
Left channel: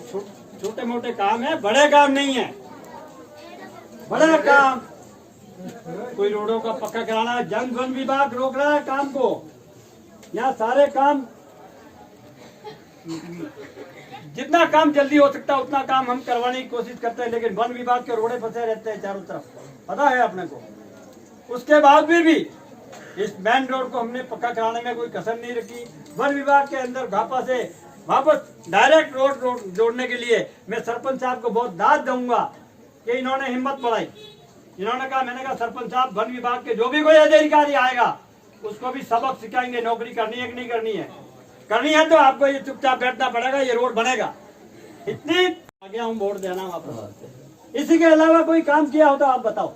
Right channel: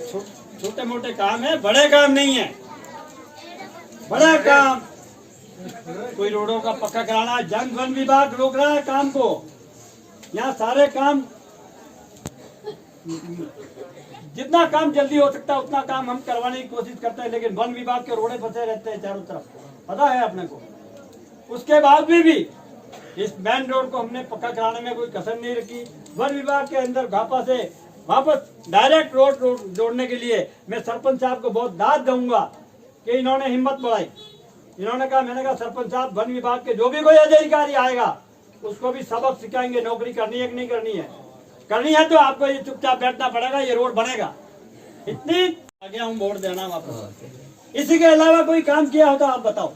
छोटे मोटे काम है, बड़े काम नहीं है। बड़ा काम कोई रोडों का पक्का कराना, जन वन विभाग रोक रहा है काम को। यहाँ सारे काम, जितना काम जल्दी हो सकता है उतना काम हम करवाने की कोशिश करते हैं, लेकिन वन विभाग के रोड़े फंसे रहते हैं चारों तरफ, पता है अपने को। उसके बाद भी इस मेन रोड को हमने पक्का कराने में कोई कसर नहीं रखी। वन विभाग के अंदर घापा से वापस डायरेक्ट रोड जोड़ने के लिए मैं सरपंच साहब को बहुत दाद दूंगा कि इन्होंने हिम्मत बढ़ाई। इन्होंने कहा, मैंने कहा सरपंच साहब वन विभाग के जो भी कोई अधिकारी आएगा उसको भी सबक सिखाएंगे, नौकरी करनी है कि नहीं करनी है। करनी है तो आपको ये चुपचाप बैठना पड़ेगा, ये रोड बनेगा। इतनी आगे हम वोट देना वापस। इसी के अलावा कोई काम किया हो तो आप बताओ।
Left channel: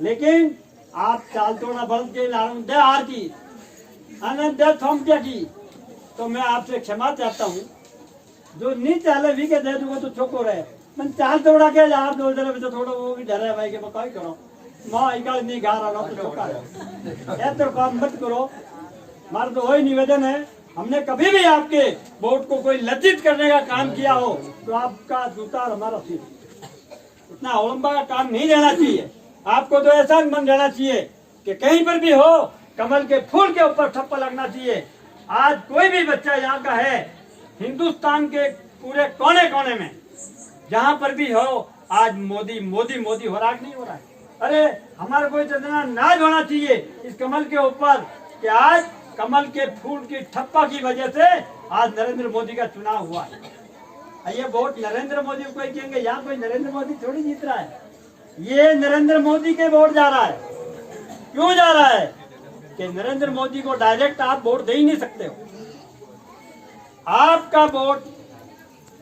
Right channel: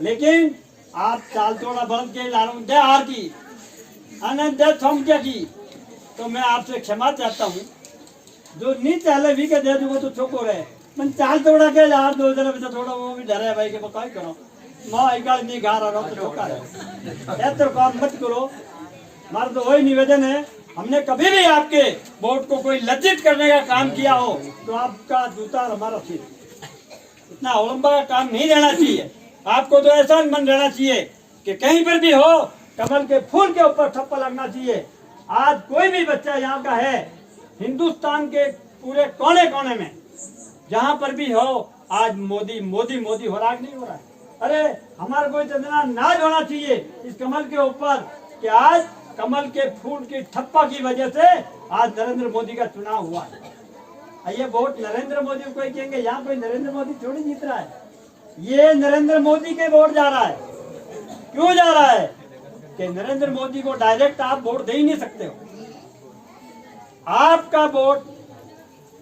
लेकिन आप चाल तोड़ा बंद के दे हार की अनंत थम क्या की, तो मैं आपसे क्षमा चाहता हूँ। जो नहीं चाले भी के दे दूंगा तो चुप रहे, मैं चाल तोड़ा के यार 2 जरा बच्चा थोड़ा वो भी डरे भाई के बताओ करो माँ एक नहीं गा रहा हूँ तो चौका है तो काम मत करो। हमारा तो वही निवेदन है, हमने कभी भी आपके वोट को कोई लज्जित करने का काम किया हो तो आपका जूता और हमारा सिर। इतना अवलंबा का काम नहीं रहना चाहिए। आपको तो ऐसा मन रहना चाहिए कि कहीं पर भी हो कमल के फूल के ऊपर थप्पा लगना चाहिए। आज कोई भी बच्चा यहाँ का है, हिंदुस्तान के पूरे कोने कोने में जहाँ पर भी हो, आज मोदी मोदी मोदी हो रहा है नहीं हो रहा है। अरे हमारे को इतना नाज होना चाहिए इस कमल के ऊपर कि आज कमल के फूल की ठप्पा की वजह से आज नरेंद्र मोदी का चुनाव हुआ है। ये वोट नरेंद्र मोदी को कहेंगे, यहाँ कोई नरेंद्र मोदी थोड़ी जीत रहा है, ये नरेंद्र मोदी के वोट जा रहा है। क्यों जा रहा है कि नरेंद्र मोदी को डायरेक्ट आप वोट दे ही नहीं सकते हो। आपका वोट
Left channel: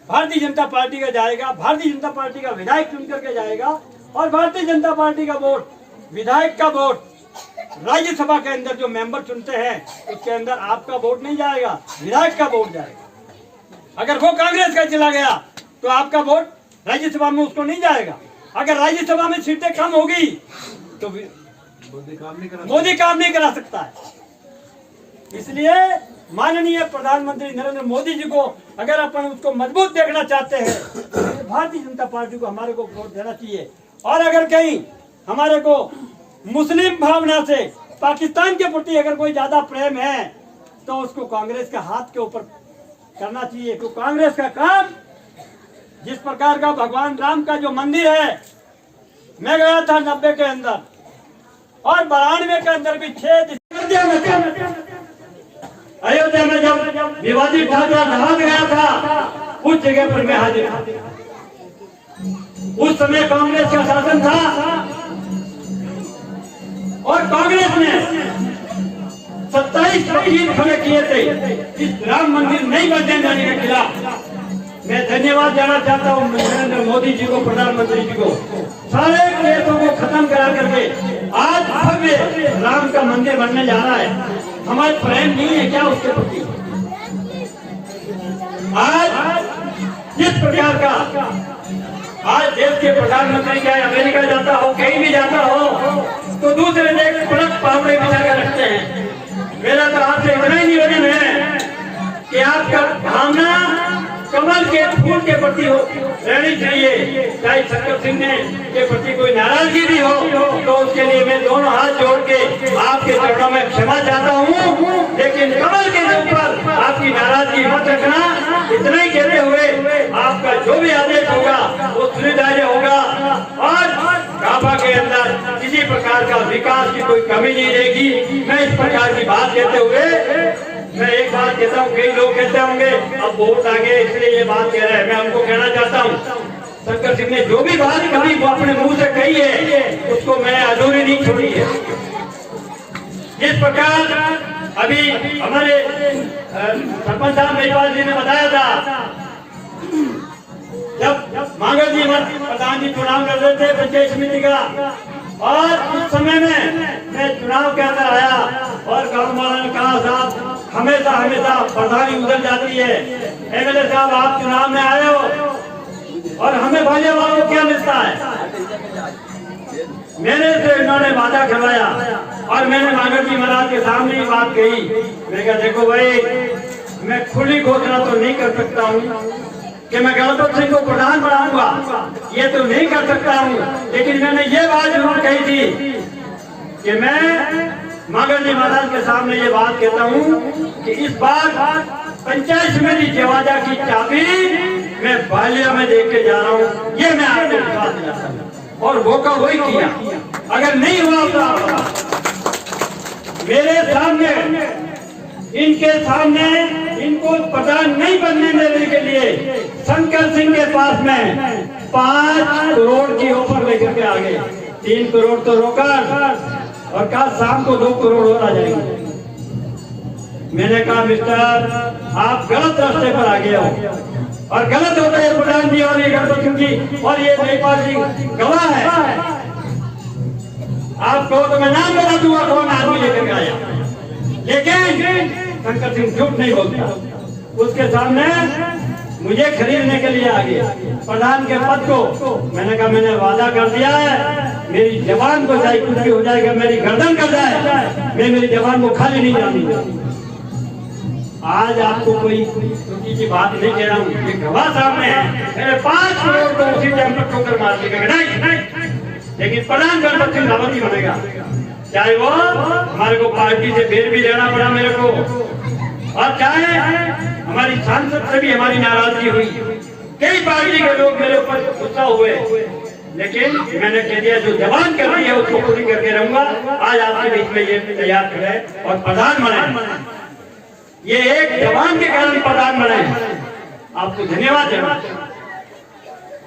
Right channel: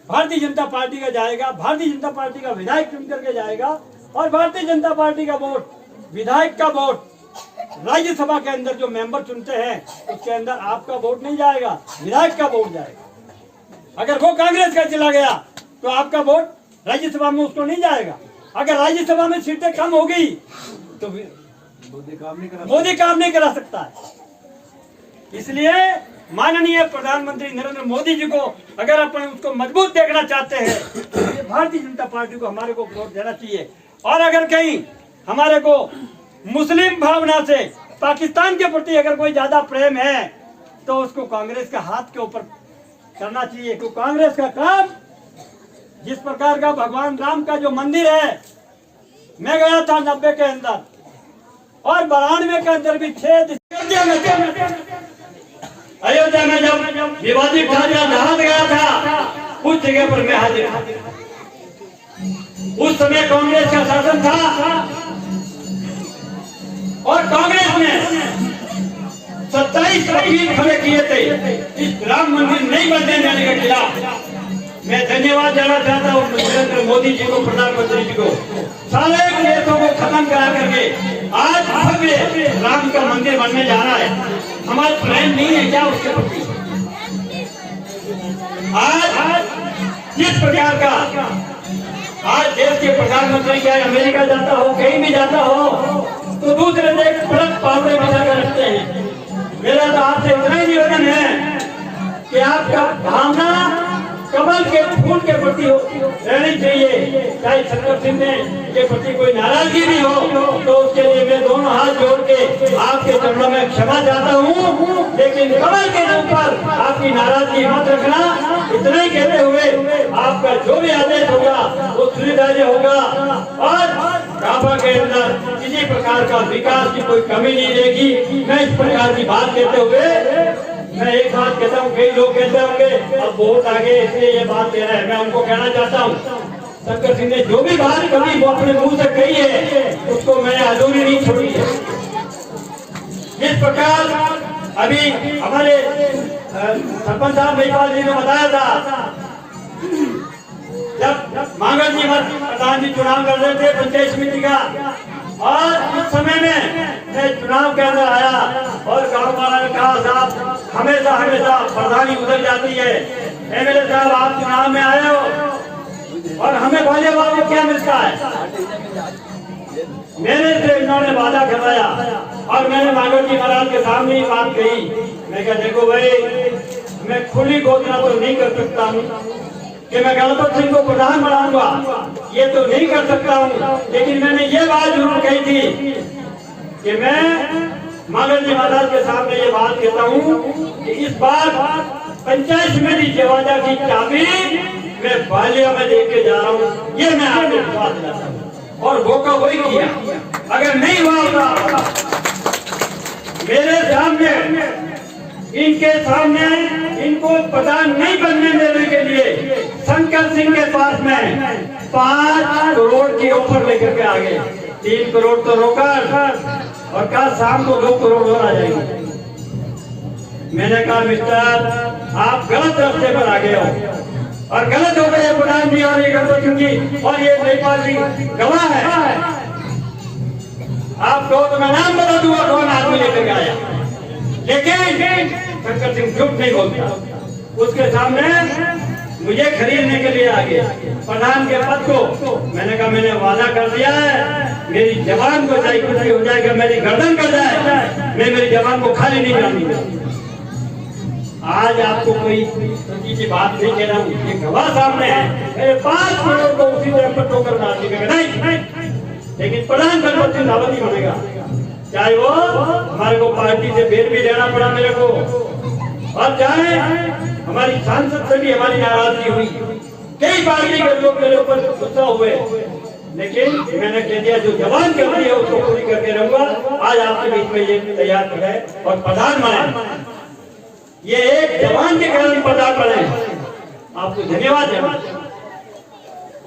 भारतीय जनता पार्टी का जाएगा, भारतीय जनता पार्टी का विधायक चुन करके जाएगा, और भारतीय जनता पार्टी का वोट, विधायक का वोट राज्यसभा के अंदर जो मेंबर चुनते हैं उसके अंदर आपका वोट नहीं जाएगा, विधायक का वोट जाएगा। अगर वो कांग्रेस का चला गया तो आपका वोट राज्यसभा में उसको नहीं जाएगा। अगर राज्यसभा में सीटें कम होगी तो मोदी काम नहीं करा सकता है। इसलिए माननीय प्रधानमंत्री नरेंद्र मोदी जी को अगर अपन उसको मजबूत देखना चाहते हैं तो भारतीय जनता पार्टी को हमारे को वोट देना चाहिए। और अगर कहीं हमारे को मुस्लिम भावना से पाकिस्तान के प्रति अगर कोई ज्यादा प्रेम है तो उसको कांग्रेस का हाथ के ऊपर करना चाहिए। क्योंकि कांग्रेस का काम, जिस प्रकार का भगवान राम का जो मंदिर है, मैं गया था 90 के अंदर और 92 के अंदर भी 6 अयोध्या में जब विवादित ढांचा ढहा गया था उस जगह पर मैं हाजिर। उस समय कांग्रेस का शासन था और कांग्रेस ने 27 वकील खड़े किए थे इस राम मंदिर नहीं बनने देने के खिलाफ। मैं धन्यवाद देना चाहता हूँ नरेंद्र मोदी जी को, प्रधानमंत्री जी को, सारे देशों को खत्म करा करके आज भव्य राम का मंदिर बनने जा रहा है। हमारे प्रेम नहीं है क्या उसके प्रति? आज जिस प्रकार का आज देश के प्रधानमंत्री चाहे अमेरिका जाता हो, कहीं भी जाता हो, तो दूसरे देश पलक पावड़े बिछा कर रखते हैं। मेरा तो आपसे इतना ही निवेदन है कि आपका भावना कमल के फूल के प्रति हो रहनी चाहिए। चाहे शंकर सिंह ने के प्रति कोई नाराजगी भी हो तो उसके लिए मैं दोनों हाथ जोड़ के आपके चरणों में क्षमा चाहता हूँ, लेकिन कमल के ऊपर आपकी नाराजगी मत रखना। इतना ही कहते हुए आपका जो भी आदेश होगा वो सुविधाएं होगा और काबा के अंदर किसी प्रकार का विकास की कोई कमी नहीं रहेगी। मैं इस प्रकार की बात कहते हुए मैं एक बात कहता हूँ, कई लोग कहते होंगे अब बहुत आगे इसलिए ये बात कह रहा है। मैं उनको कहना चाहता हूँ, शंकर सिंह ने जो भी बात कभी वो अपने मुंह से कही है उसको मैंने अधूरी नहीं छोड़ी है। इस प्रकार अभी हमारे सरपंच साहब मेजपाल जी ने बताया था, जब मांगल जी प्रधान जी चुनाव कर रहे थे पंचायत समिति का, और उस समय में मैं चुनाव के अंदर आया और गाँव वालों ने कहा साहब हमेशा हमेशा प्रधानी उधर जाती है, एमएलए साहब आप चुनाव में आए हो और हमें भाजपा वालों को क्या मिलता है। मेरे से उन्होंने वादा करवाया और मैंने मांगल जी महाराज के सामने ही बात कही। मैं कहा देखो भाई मैं खुली घोषणा तो नहीं कर सकता हूँ कि मैं गणपत सिंह को प्रधान बनाऊंगा, ये तो नहीं कर सकता हूँ। लेकिन मैंने ये बात जरूर कही थी कि मैं मंगल जी महाराज के सामने ये बात कहता हूँ कि इस बार पंचायत समिति जवाजा की चाबी मैं बालिया में लेके जा रहा हूँ, ये मैं आपसे विश्वास दिलाता हूँ। और वो का वही किया। अगर नहीं हुआ होता मेरे सामने, इनके सामने इनको प्रधान नहीं बनने देने के लिए शंकर सिंह के पास में 5 करोड़ की ऑफर लेकर के आ गए। 3 करोड़ तो रोका और कल शाम को 2 करोड़ और आ जाएंगे। मैंने कहा मिस्टर, आप गलत रास्ते पर आ गए हो और गलत हो गए प्रधान जी और ये गणपत सिंह जी और ये जयपाल सिंह गवाह है। आप कहो तो मैं नाम बता दूंगा कौन आदमी लेकर आया, लेकिन शंकर सिंह झूठ नहीं बोलता। उसके सामने मुझे खरीदने के लिए आ गया प्रधान के पद को। मैंने कहा मैंने वादा कर दिया है, मेरी जवान को चाहे कुछ भी हो जाएगा, मेरी गर्दन कर जाए, मैं मेरी जवान को खाली नहीं जानी। आज आपको कोई छोटी सी बात नहीं कह रहा हूँ, ये गवाह सामने है। मेरे 5 करोड़ को उसी टाइम पर ठोकर मार दी नहीं, लेकिन प्रधान गणपत सिंह रावत ही बनेगा, चाहे वो हमारे को पार्टी से बेर भी लेना पड़ा मेरे को, और चाहे हमारी सांसद से भी हमारी नाराजगी हुई। कई पार्टी के लोग मेरे ऊपर गुस्सा हुए, लेकिन मैंने कह दिया जो जवान कर रही है उसको पूरी करके रहूंगा। आज आपके बीच में ये तैयार करे और प्रधान बने, ये एक जवान के कारण प्रधान बने, आपको धन्यवाद देना।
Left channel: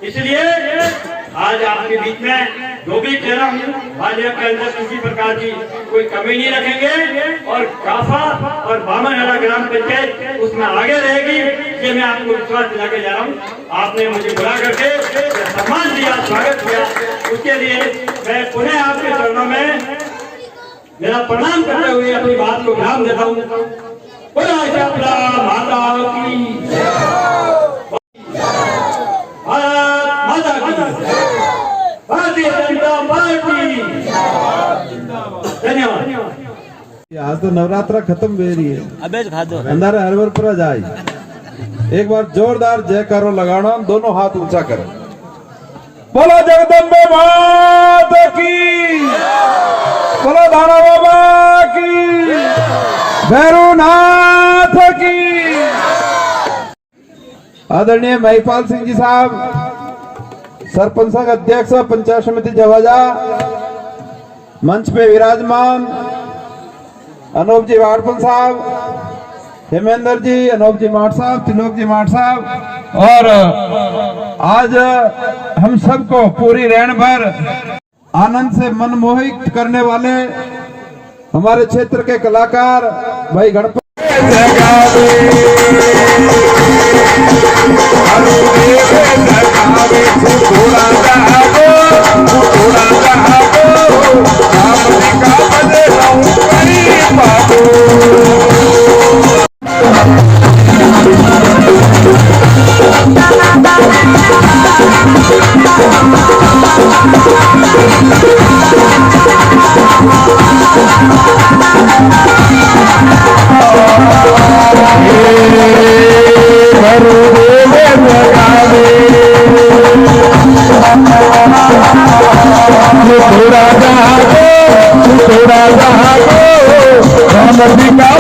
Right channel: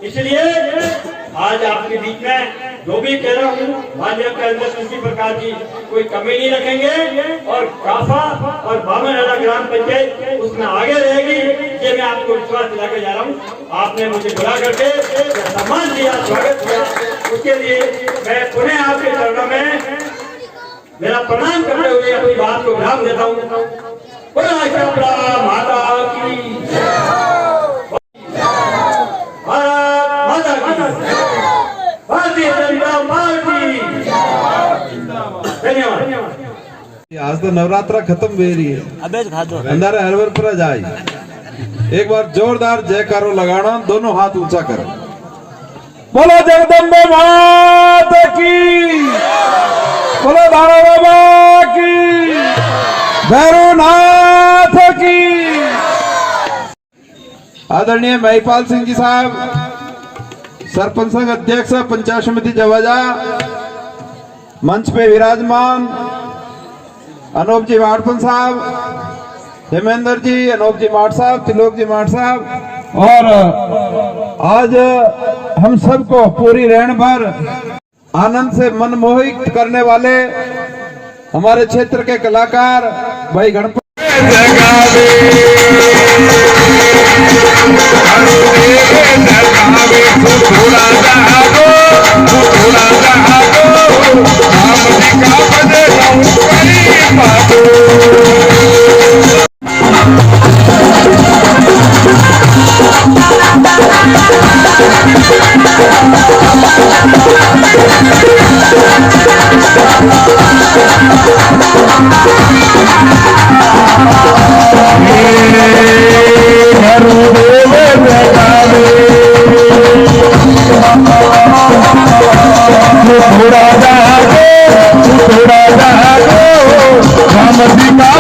इसलिए आज आपके बीच में जो भी कह रहा हूँ, भाजपा के अंदर किसी प्रकार की कोई कमी नहीं रखेंगे और काफा और बामनहरा ग्राम पंचायत उसमें आगे रहेगी, ये मैं आपको विश्वास दिला के जा रहा हूँ। आपने मुझे बुला करके सम्मान दिया, स्वागत किया, उसके लिए मैं पुनः आपके चरणों में मेरा प्रणाम करते हुए अपनी बात को विराम देता हूँ। माता की भारतीय जनता पार्टी धन्यवाद। आज तो नवरात्रा खत्म हो रही है, अबे खा दो अंदर हरवर पर जाए। एक बार जोरदार जयकारो लगाना, दोनों हाथ ऊंचा करें। बोलो जगदम्बे मात की, बोलो धारा बाबा की, भैरवनाथ की। आदरणीय महिपाल सिंह जी साहब, सरपंच संघ अध्यक्ष पंचायत समिति जवाजा, मंच पे विराजमान अनूप जी वाड़पन साहब, हेमेंद्र जी, अनूप जी माठ साहब, त्रिलोक जी माठ साहब, और आज हम सबको पूरी रैन भर आनंद से मनमोहित करने वाले हमारे क्षेत्र के कलाकार भाई गणपत थोड़ा जा राम जी का